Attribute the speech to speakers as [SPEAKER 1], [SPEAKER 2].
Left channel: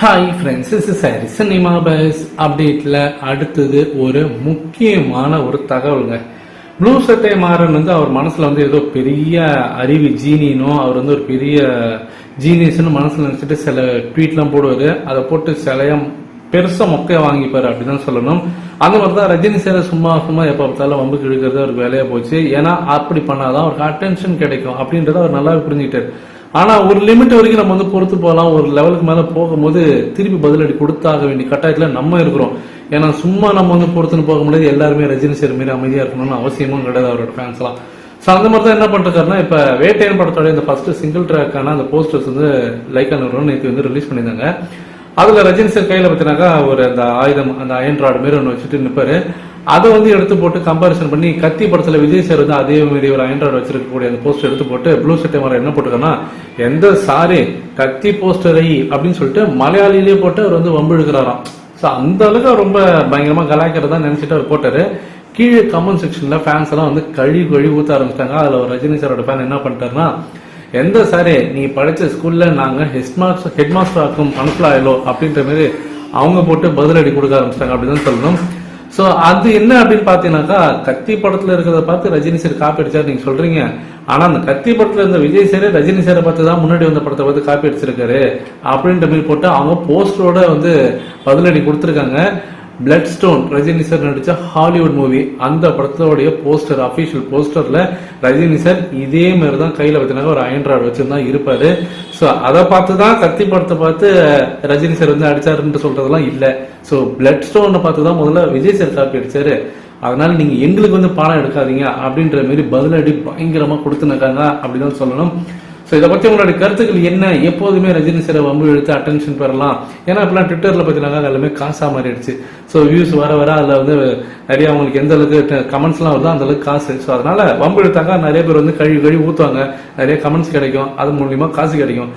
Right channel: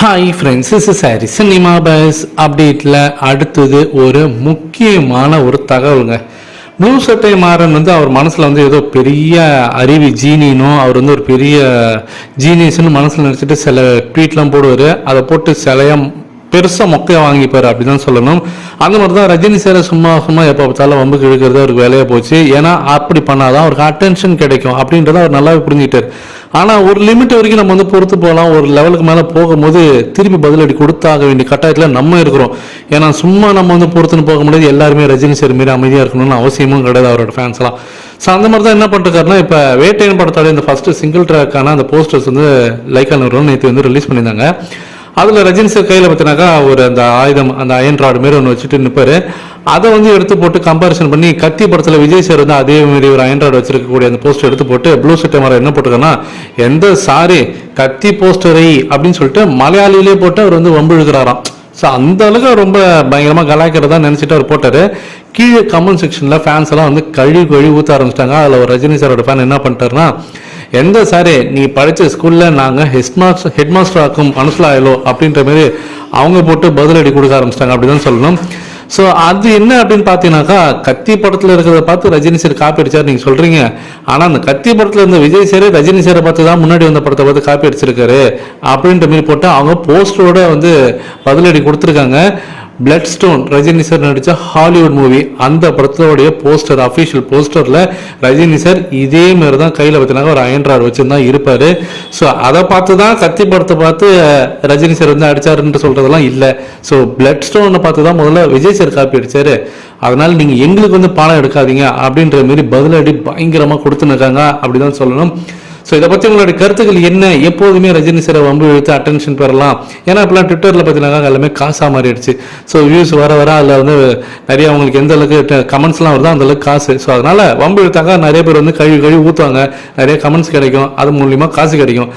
[SPEAKER 1] Hi friends is சாரி cinema buzz அப்டேட்டில் அடுத்தது ஒரு முக்கியமான ஒரு தகவலுங்க. ப்ளூ சட்டை மாறன் வந்து அவர் மனசில் வந்து ஏதோ பெரிய அறிவி ஜீனினும் அவர் வந்து ஒரு பெரிய ஜீனியஸ்னு மனசில் நினச்சிட்டு சில ட்வீட்லாம் போடுவார். அதை போட்டு சிலையாக பெருசாக மொக்கையை வாங்கிப்பார் அப்படி தான் சொல்லணும். அந்த மாதிரி தான் ரஜினி சாரை சும்மா சும்மா எப்போ பார்த்தாலும் வம்புக்கு இழுக்கிறது அவருக்கு வேலையாக போச்சு. ஏன்னா அப்படி பண்ணாதான் அவருக்கு அட்டென்ஷன் கிடைக்கும் அப்படின்றத அவர் நல்லாவே புரிஞ்சுக்கிட்டார். ஆனால் ஒரு லிமிட் வரைக்கும் நம்ம வந்து பொறுத்து போகலாம். ஒரு லெவலுக்கு மேலே போகும்போது திருப்பி பதிலடி கொடுத்தாக வேண்டிய கட்டாயத்தில் நம்ம இருக்கிறோம். ஏன்னா சும்மா நம்ம வந்து பொறுத்துன்னு போக முடியாது. எல்லாருமே ரஜினி சார் மாரி அமைதியாக இருக்கணும்னு அவசியமும் கிடையாது அவரோட ஃபேன்ஸ்லாம் ஸோ அந்த மாதிரி தான் என்ன பண்ணிருக்காருன்னா இப்போ வேட்டையன் படத்தோட இந்த ஃபர்ஸ்ட் சிங்கிள் ட்ராக்கான அந்த போஸ்டர்ஸ் வந்து லைக்கா நிறுவனம் நேற்று வந்து ரிலீஸ் பண்ணியிருந்தாங்க. அதில் ரஜினி சார் கையில் பார்த்தினாக்கா ஒரு அந்த ஆயுதம் அந்த அயன் ராடு மாரி ஒன்று வச்சுட்டு நிற்பாரு அதை வந்து எடுத்து போட்டு கம்பாரிசன் பண்ணி கத்தி படத்தில் விஜய் சார் வந்து அதே மாதிரி ஒரு அயன் ராடு வச்சிருக்கக்கூடிய அந்த போஸ்டர் எடுத்து போட்டு ப்ளூ சட்டை மரம் என்ன போட்டிருக்காங்கன்னா எந்த சாரி கத்தி போஸ்டரை அப்படின்னு சொல்லிட்டு மலையாளிலே போட்டு அவர் வந்து வம்பு இழுக்கிறாராம். ஸோ அந்த அளவுக்கு ரொம்ப பயங்கரமாக கலாய்க்கிறதா நினச்சிட்டு அவர் போட்டார். கீழே கமெண்ட் செக்ஷனில் ஃபேன்ஸ் எல்லாம் வந்து கழுவி கழுவி ஊற்ற ஆரம்பிச்சிட்டாங்க. அதில் ஒரு ரஜினி சாரோட ஃபேன் என்ன பண்ணிட்டாருன்னா எந்த சாரே நீ படித்த ஸ்கூலில் நாங்கள் ஹெட் மாஸ்டர் ஹெட் மாஸ்டர் ஆக்கும் மனசில் ஆயிலோ அப்படின்ற மாதிரி அவங்க போட்டு பதிலடி கொடுக்க ஆரம்பிச்சிட்டாங்க அப்படிதான் சொல்லணும். ஸோ அது என்ன அப்படின்னு பார்த்தீங்கன்னாக்கா கத்தி படத்தில் இருக்கிறத பார்த்து ரஜினி சார் காப்பி அடிச்சார் நீங்கள் சொல்கிறீங்க ஆனால் அந்த கத்தி படத்தில் இருந்த விஜய் சார் ரஜினி சாரை பார்த்து தான் முன்னாடி வந்த படத்தை பார்த்து காப்பி அடிச்சிருக்காரு. அப்படின்ற மாதிரி போட்டு அவங்க போஸ்டரோட வந்து பதிலடி கொடுத்துருக்காங்க. பிளட் ஸ்டோன் ரஜினி சார் நடித்த ஹாலிவுட் மூவி அந்த படத்தோடைய போஸ்டர் அஃபிஷியல் போஸ்டரில் ரஜினி சார் இதே மாதிரி தான் கையில் வச்சுனாங்க ஒரு அயன் வச்சுருந்தா இருப்பார். ஸோ அதை பார்த்து தான் கத்தி படத்தை பார்த்து ரஜினி சார் வந்து அடித்தாருன்னு சொல்கிறதெல்லாம் இல்லை. ஸோ பிளட் ஸ்டோனை பார்த்து தான் முதல்ல விஜய் சார் காப்பி அடித்தார் அதனால் நீங்கள் எங்களுக்கு வந்து பாடம் எடுக்காதீங்க அப்படின்ற மாதிரி பதிலடி பயங்கரமாக கொடுத்துன்னு அப்படிதான் சொல்லணும். ஸோ இதை பற்றி உங்களுடைய கருத்துக்கள் என்ன? எப்போதுமே ரஜினி சார் வம்பு இழுத்து அட்டென்ஷன் பெறலாம். ஏன்னா இப்பெல்லாம் ட்விட்டரில் பார்த்தீங்கன்னா எல்லாமே காசாக மாறிடுச்சு. ஸோ வியூஸ் வர வர அதில் வந்து நிறைய அவங்களுக்கு எந்த அளவுக்கு கமெண்ட்ஸ்லாம் வருதோ அந்த அளவுக்கு காசு. ஸோ அதனால் வம்பு இழுத்தாங்க. நிறைய பேர் வந்து கழுவி கழுவி ஊற்றுவாங்க நிறைய கமெண்ட்ஸ் கிடைக்கும். அது மூலியமாக காசு கிடைக்கும்.